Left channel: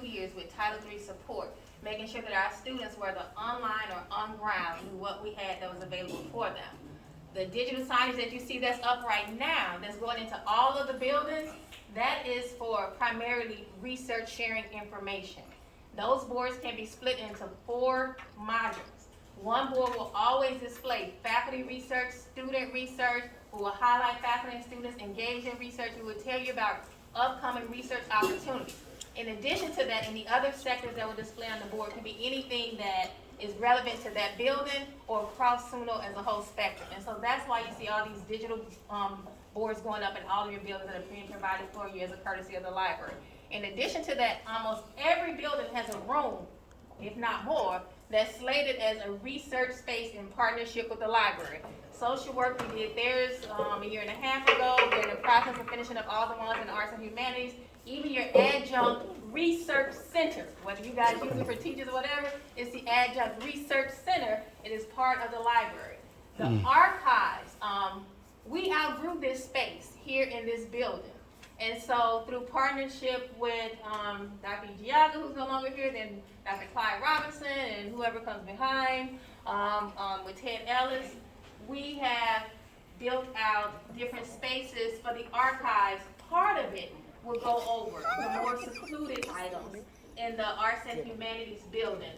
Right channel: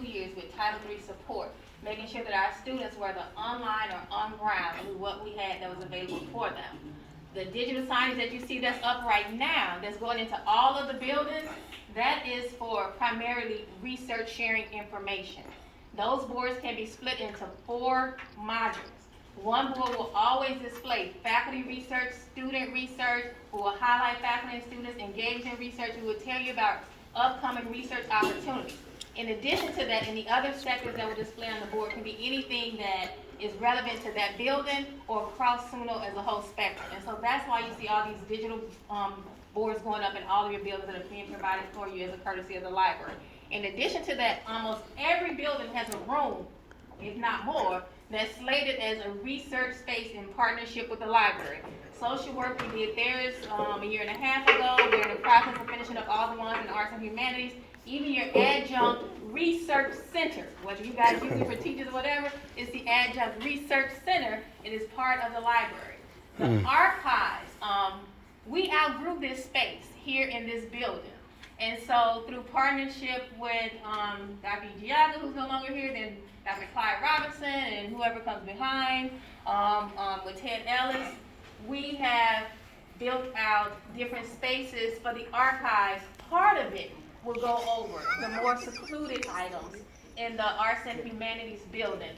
2 years with Title III support, making sure that our students, whether online or on ground, knew what we had that was available for them. The digital signage that you see that's up right now, that's going into all of the buildings, that is for primarily research sharing information. Those boards can be split into 4 modules. One board will always display faculty research, student research, who will highlight faculty and students engaged in research, who will tell you about upcoming research opportunities. In addition to that, in the other sectors that will display on the board can be anything that is relevant to that building or across SUNO as a whole spectrum. And so that's why you see all these digital boards going up in all of your buildings that are being provided for you as a courtesy of the library. In addition to that, almost every building has a room, if not more, that's slated as a research space in partnership with the library. Social work, we did theirs a year and a half ago. We're in the process of finishing up all the ones in the arts and humanities. Even your adjunct research center, whether you guys use it for teachers or whatever, it's the adjunct research center. It is part of the library. The archives, we outgrew this space here in this building. And so through partnership with Dr. Giaga, who's no longer here, then Dr. Clyde Robinson and whoever comes behind, with Ted Ellis, we have built out different spaces for the archives. Part of it will go over the more secluded items in the Arts and Humanities building.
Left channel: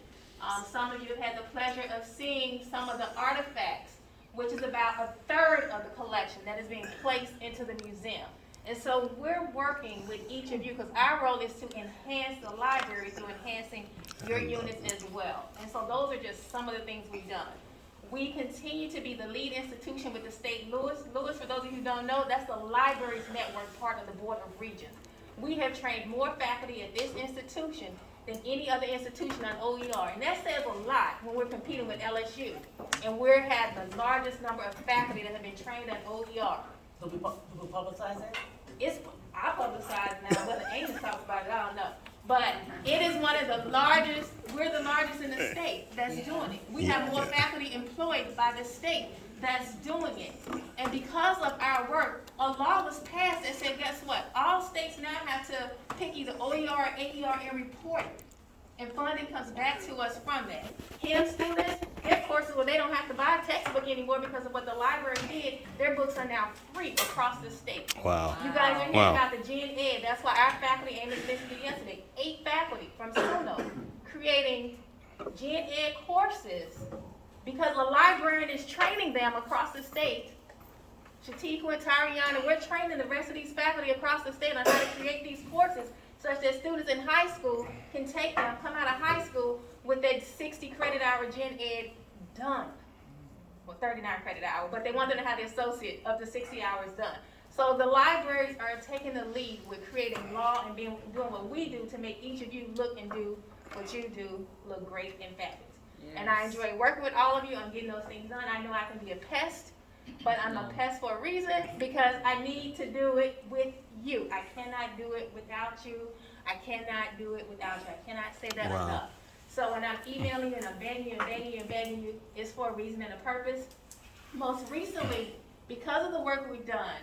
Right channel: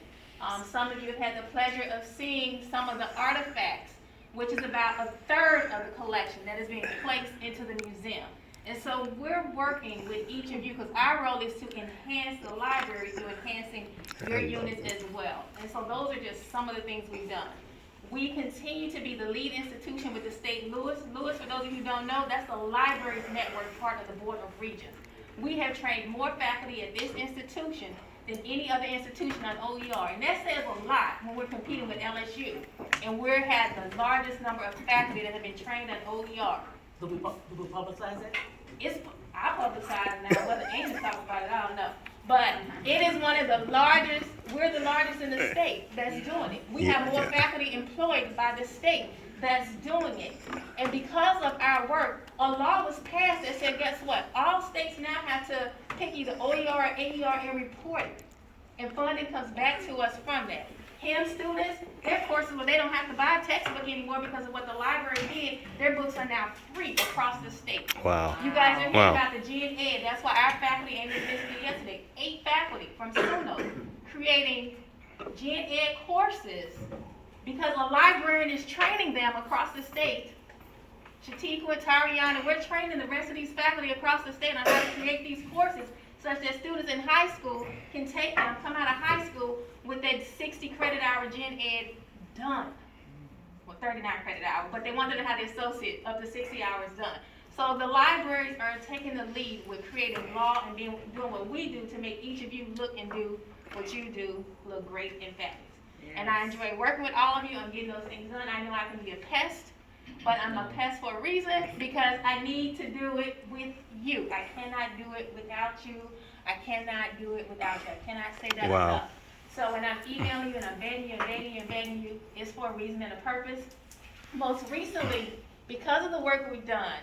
Some of you have had the pleasure of seeing some of the artifacts, which is about a third of the collection that is being placed into the museum. And so we're working with each of you because our role is to enhance the library through enhancing your units as well. And so those are just some of the things we've done. We continue to be the lead institution with the state Lewis. Lewis, for those of you who don't know, that's the libraries network part of the Board of Regents. We have trained more faculty at this institution than any other institution on OER. And that says a lot when we're competing with LSU. And we have the largest number of faculty that have been trained on OER. Do we publicize that? I publicize now, whether Amy talks about it, I don't know. But it is one of the largest, we're the largest in the state that's doing it. We have more faculty employed by the state that's doing it. And because of our work, a law was passed that said, guess what? All states now have to pick either OER or AER and report it. And funding comes back to us from that. HIM students, their courses, well, they don't have to buy a textbook anymore because of what the library did. Their books are now free across the state. Wow. You guys are hearing about the Gen Ed. That's why our faculty, Amy listened yesterday, 8 faculty from SUNO creating Gen Ed courses because a librarian is training them across the state. Shatika and Tariana, we're training the rest of these faculty across the state on how to create these courses such that students in high school can take them, come out of high school with that 60 credit hour Gen Ed done. Well, 39 credit hour, but they want them to have the associate up to 60 hours done. So the libraries are taking the lead with creating law and doing what we do to make each of you look and do what you do look great and fabulous. Yes. And I enjoy working with all of you on getting those things done. I know I can be a pest, but I'm a pest for a reason because I need to do it with you. I cannot do it without you. I cannot do it without you. I cannot say that enough. So when I'm emailing you and I'm begging you, it's for a reason and a purpose. Most recently, because of the work we've done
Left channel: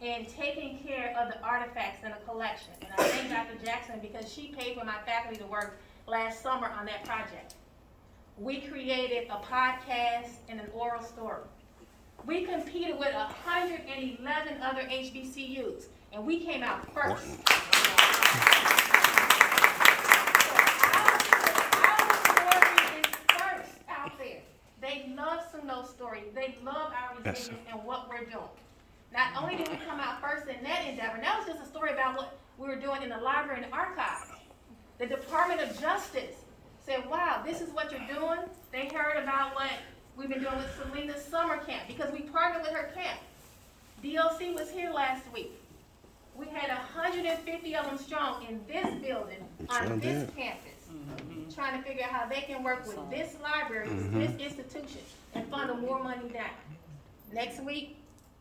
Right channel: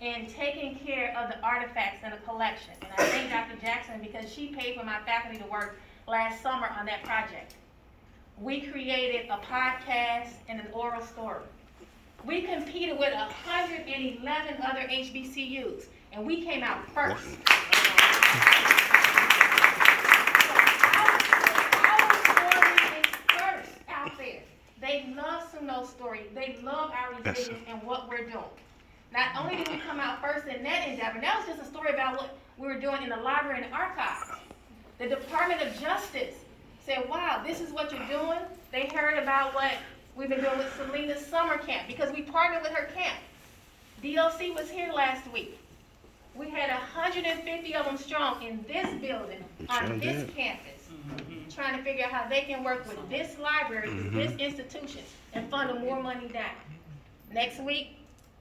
in taking care of the artifacts in the collection, and I thank Dr. Jackson because she paid for my faculty to work last summer on that project. We created a podcast and an oral story. We competed with 111 other HBCUs, and we came out first. They love SUNO's story. They love our resilience and what we're doing. Not only did we come out first in that endeavor, that was just a story about what we were doing in the library and archives. The Department of Justice said, wow, this is what you're doing. They heard about what we've been doing with Selena's summer camp because we partnered with her camp. DLC was here last week. We had 150 of them strong in this building on this campus, trying to figure out how they can work with this library, with this institution, and funnel more money down. Next week,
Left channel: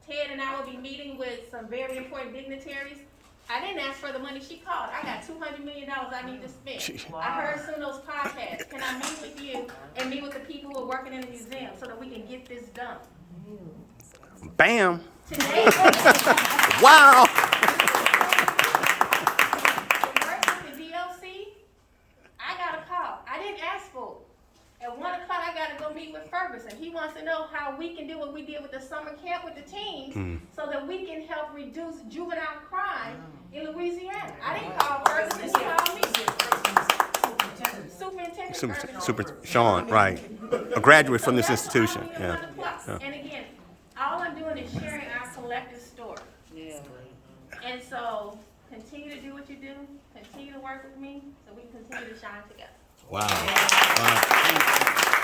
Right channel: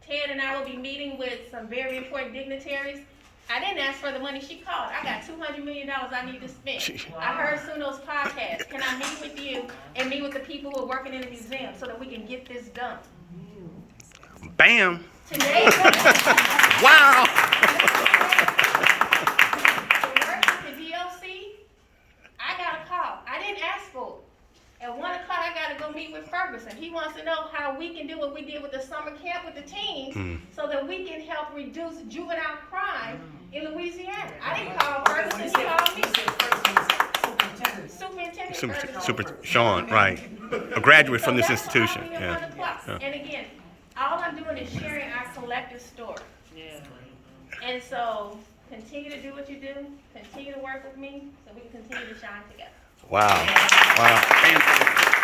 Ted and I will be meeting with some very important dignitaries. I didn't ask for the money, she called. I got $200 million I need to spend. Wow. I heard SUNO's podcast. Can I meet with you and meet with the people who are working in the museum so that we can get this done? Bam! Today, wow! the work He wants to know how we can do what we did with the summer camp with the teens, so that we can help reduce juvenile crime in Louisiana. I didn't call Ferguson, he called me. Superintendent Ferguson. Sean, right. A graduate from this So that's institution, all we yeah. want to plus. Yeah. And again, all I'm doing is sharing our collective story. And so, continue to do what you do, continue to work with me, so we can continue to shine together. Wow. Wow.